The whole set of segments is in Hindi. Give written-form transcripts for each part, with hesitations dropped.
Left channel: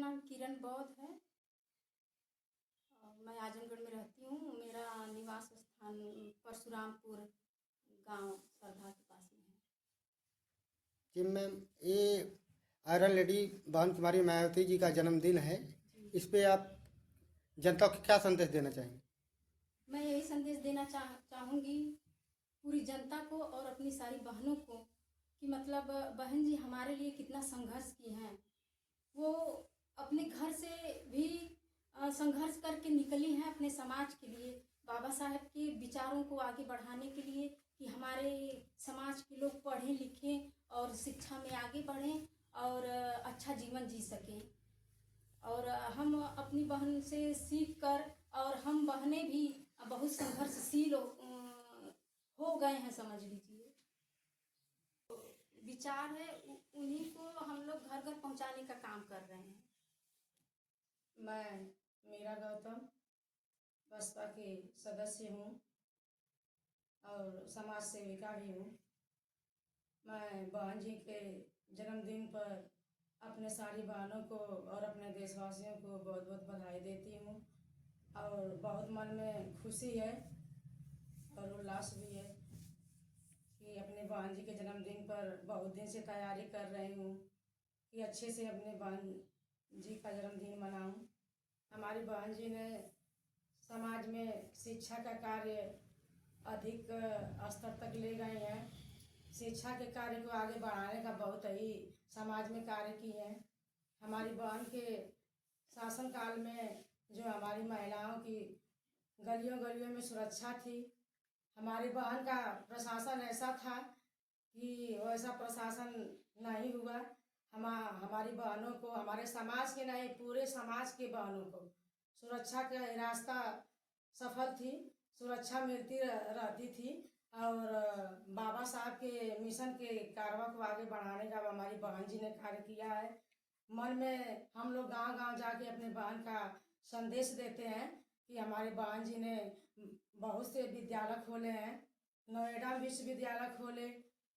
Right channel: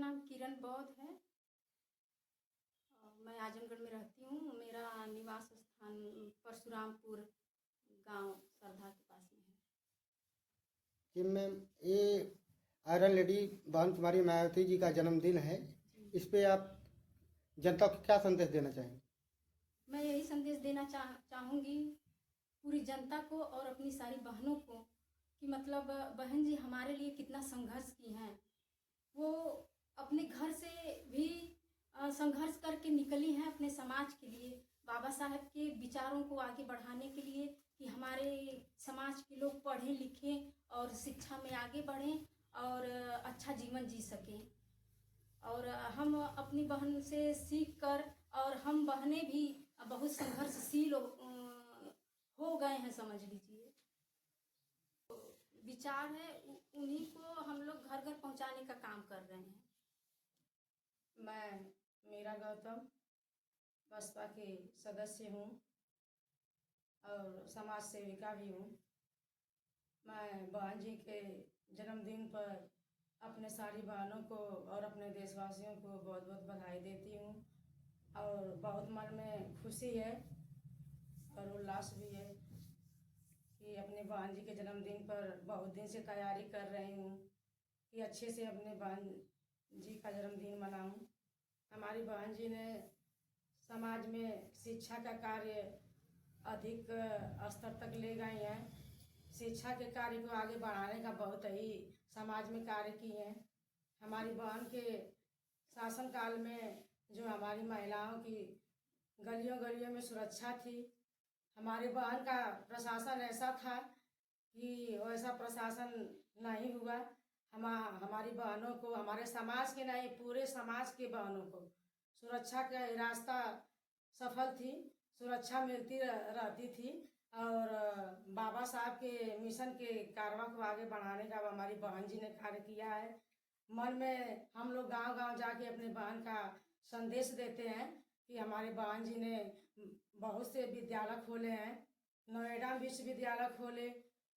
नाम किरण बौद्ध है और मैं आजमगढ़ में रहती हूँ। मेरा निवास स्थान परशुरामपुर गांव सरधा के पास में है। जी मैम, ये आयरन लेडी बहन कुमारी मायावती जी का जन्मदिन है। इस पे आप जनता को क्या संदेश देना चाहेंगे? मैं यही संदेश देना चाहूँगी पूरी जनता को और अपनी सारी बहनों को कि मतलब बहन जी हमारे लिए कितना संघर्ष की हैं। वो अपने घर से भी संघर्ष करके निकली हैं अपने समाज के लिए, बाबा साहब के विचारों को आगे बढ़ाने के लिए कि हमारे समाज के लोग पढ़ें लिखें और शिक्षा में आगे बढ़ें और अच्छा जीवन जी सकें। और हम अपनी बहन से सीख कर और हम बहनें भी बहुत संघर्षशील हो गए हैं, समझ लीजिए। विचार है उन्हीं को हम लोग घर घर पहुंचाने का काम कर रहे हैं। मैं मीरा गौतम बसपा की सदस्य हूँ और समाज सेविका भी हूँ। मैं बहन जी के जन्मदिन पर अपने सारी बहनों को और अपने देशवासियों को बहुत बहुत बधाई देती हूँ और बहुत मन में खुशी है और उल्लास भी है कि अपने बहन जी के जन्मदिन पर बहुत दिन से तैयारी कर रही हूँ कि अच्छे से अपने बहन जी का जन्मदिन मनाऊँ। हमारी बहन जी ने समाज में शिक्षा का कार्य अधिक स्तर तक ले गए हैं। शिक्षा के कार्य को आगे बढ़ाने का बहुत ही समाज में कार्य की है। हमारी बहन के शासन काल में जो हमारी महिलाओं की गलियों गलियों में सुरक्षा थी, हमारी बहन का प्रशासन ऐसा था कि वैसा प्रशासन नहीं हुआ। हमारी बहनों को, हमारे समाज के नहीं पूरे समाज के बहनों को सुरक्षा का रास्ता सफल थी, सुरक्षा मिलती रहती थी और बाबा साहब के मिशन के कारवा को आगे बढ़ाने का हमारी बहन जी ने कार्य किया है। मन में हम लोग गांव गांव जाके अपने बहन का संदेश देते हैं कि हमारे बहन जी ने बहुत से विद्यालय खोले हैं, नोएडा विश्वविद्यालय खोले,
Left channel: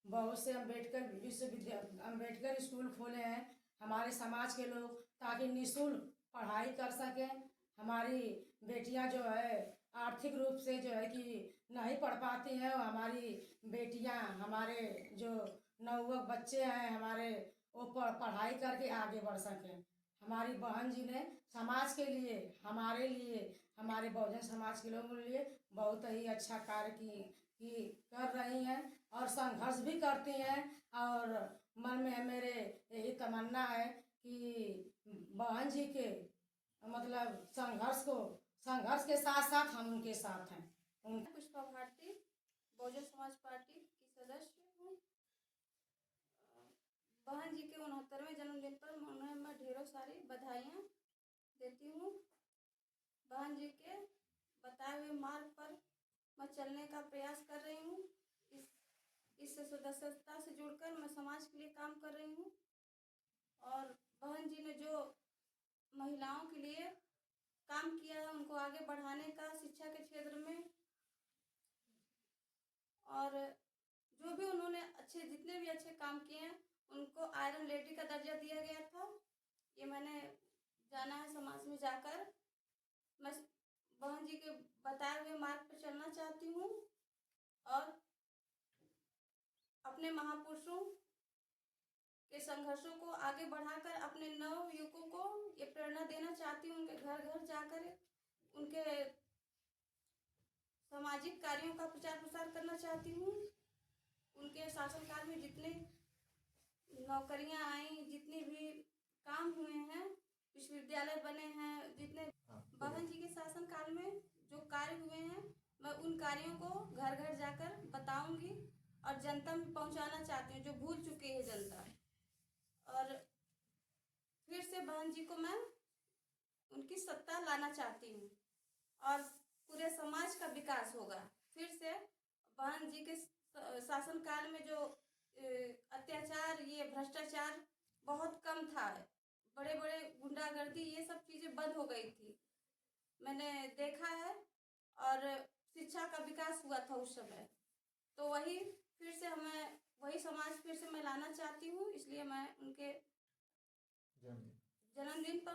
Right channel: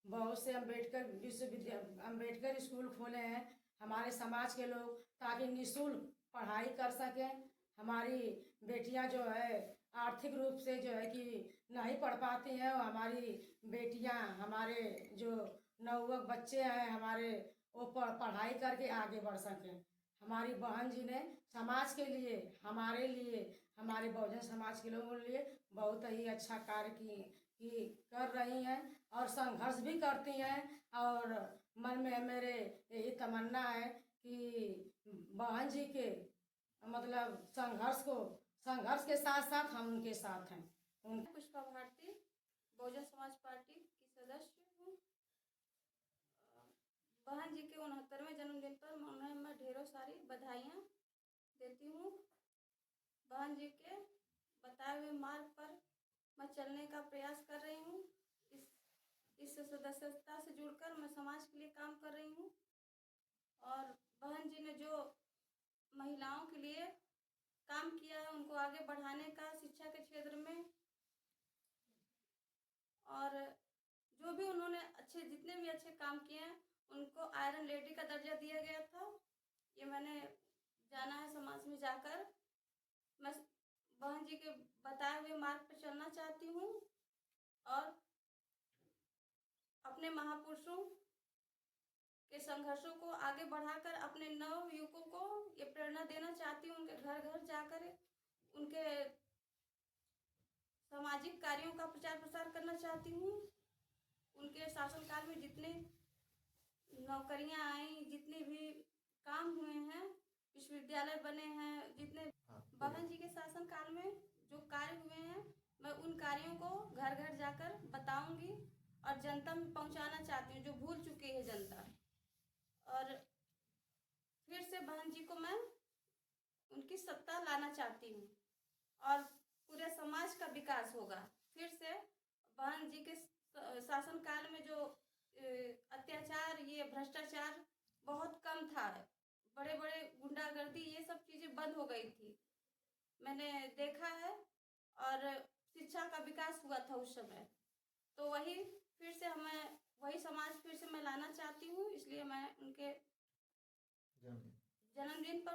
बहुत से अम्बेडकर स्कूल खोले हैं हमारे समाज के लोग, ताकि निःशुल्क पढ़ाई कर सकें। हमारी बेटियां जो है आर्थिक रूप से जो है कि नहीं पढ़ पाती हैं, और हमारी बेटियां, हमारे जो नवयुवक बच्चे हैं हमारे, वो पढ़ाई करके आगे बढ़ सकें। हमारी बहन जी ने समाज के लिए, हमारे लिए, हमारे बहुजन समाज के लोगों के लिए बहुत ही अच्छा कार्य की कर रही हैं और संघर्ष भी करती हैं। और मन में मेरे यही तमन्ना है कि बहन जी के मतलब संघर्ष के साथ साथ हम उनके साथ हैं। पुष्पा भारती, बहुजन समाज पार्टी की सदस्य हूँ। बहन जी के 69वें जन्मदिन पर मैं ढेरों सारी बधाइयाँ देती हूँ। बहन जी के बताए हुए मार्ग पर मैं चलने का प्रयास कर रही हूँ। इस सदस्यता से जुड़कर मैं समाज के लिए काम कर रही हूँ और बहन जी ने जो महिलाओं के लिए काम किया है उनको आगे बढ़ाने का शिक्षा के क्षेत्र में, और जो भी उन्होंने जितने भी अच्छे काम किए हैं उनको आयरन लेडी का दर्जा दिया गया था। ये मैंने जाना है समाज में जाकर। मैं बहन जी के बताए हुए मार्ग पर चलना चाहती हूँ और अपने महापुरुषों के संघर्षों को आगे बढ़ाकर अपने नव युवकों को ये प्रेरणा देना चाहती हूँ। उनके घर घर जाकर उनके सामाजिक कार्यों का प्रचार प्रसार करना चाहती हूँ। उनके शासनकाल में जितने नौकरियां आई, जितने भी काम हुए हैं, विश्वविद्यालय बने हैं, जितने बहन जी के शासन काल में जो कार्य हुए हैं, मैं उन कार्यों को घर घर जाकर बताऊंगी और जनता में पहुंचाना चाहती हूँ, जो भूल चुकी है जनता। और फिर से बहन जी को मैं उनकी सत्ता लाना चाहती हूँ और पूरे समाज का विकास होगा। फिर से बहन जी के शासन काल में जो अत्याचार, ये भ्रष्टाचार बहुत कम था, बड़े बड़े गुंडागर्दी, ये सब चीजें बंद हो गई थी, मैंने देखा है। और शिक्षा का विकास हुआ था उस समय। तो वही समाज फिर से मैं लाना चाहती हूँ। इसलिए मैं उनके जन्मदिन पर